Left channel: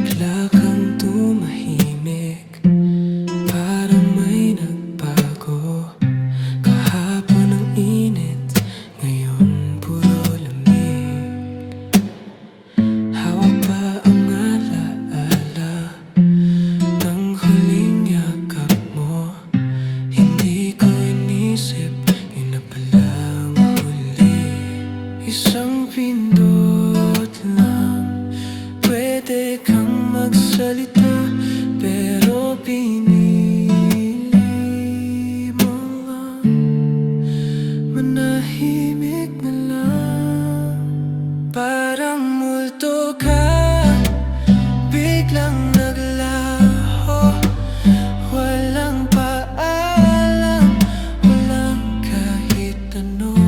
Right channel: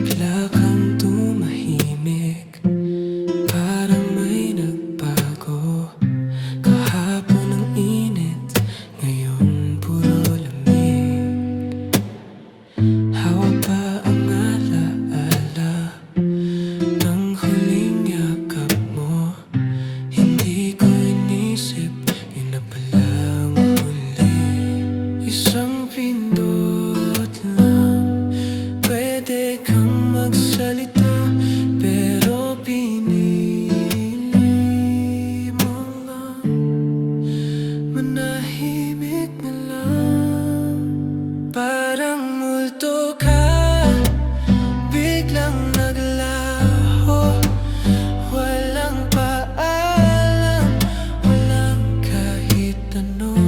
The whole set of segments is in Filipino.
Bigla kang tumahimik, parang may nagbago. Kahapon ang init, ngayon puro lamig. Hawak pa ang alaala ng huling yakap mo. Hindi ko inisip, yun na palang huli. Isang pindot lang, pwede kang magsalita, pero pinili mo lang manahimik na lang. Parang multo ka, biglang naglaho. Walang paalam, walang kahit ano.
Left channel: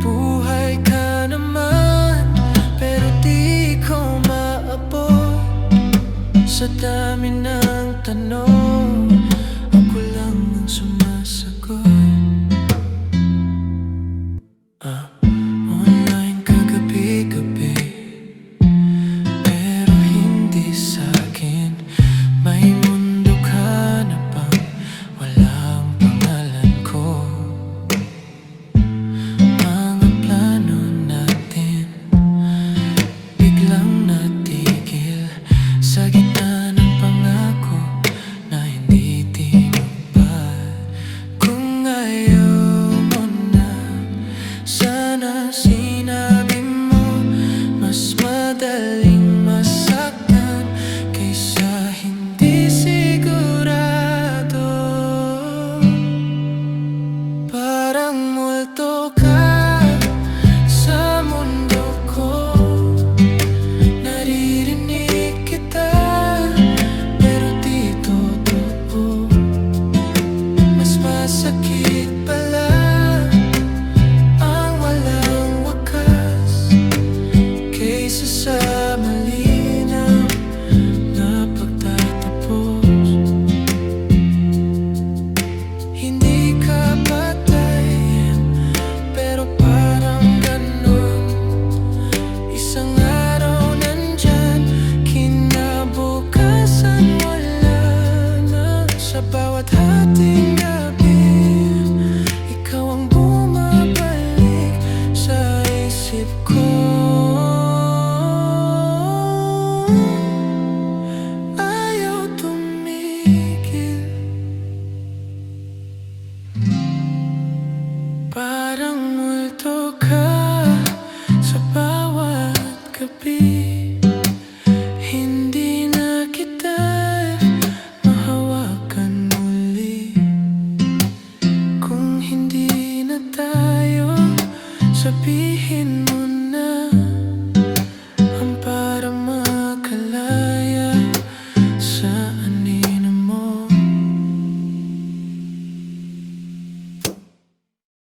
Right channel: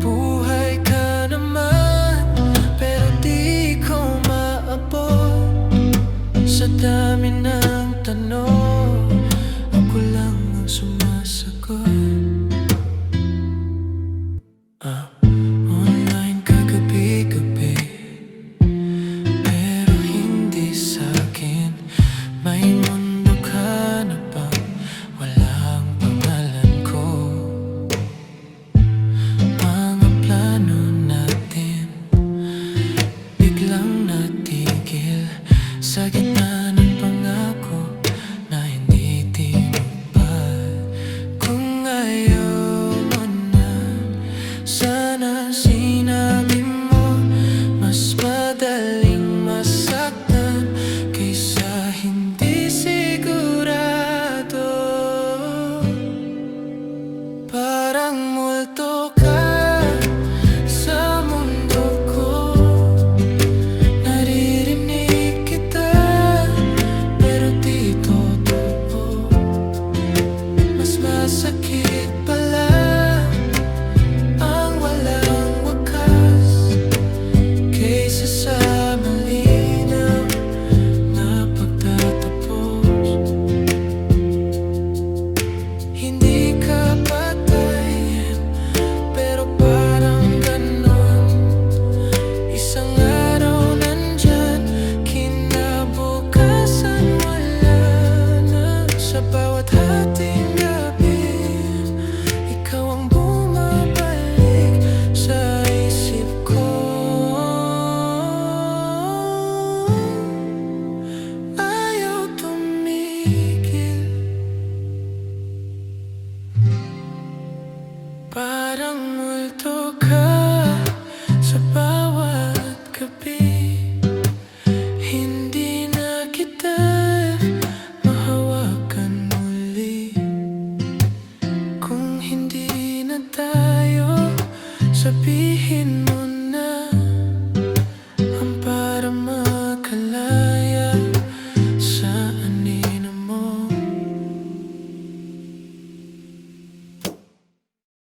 Buhay ka naman, pero di ko maabot. Sa dami ng tanong, ako lang ang sumasagot. Online ka gabi-gabi, pero hindi sa'kin. May mundo ka na bang walang pangalan ko? Mga plano natin biglang natigil sa gitna ng pangako na hindi tinupad. Kung ayaw mo na, sana sinabi mo. Mas madaling masaktan kaysa hindi sigurado. Parang multo ka sa mundo ko. Naririnig kita, pero di totoo. Mas masakit pala ang walang wakas kaysa sa malinaw na pagtatapos. Hindi ka patay, pero parang ganon. Isang araw nandyan, kinabukasan wala na. Sa bawat hating gabi, ikaw ang bumabalik sa isip ko. Ayaw tumigil, parang multo ka sa bawat gabi. Hindi na kita mahawakan muli. Kung hindi na tayo, sabihin mo na ang para makalaya.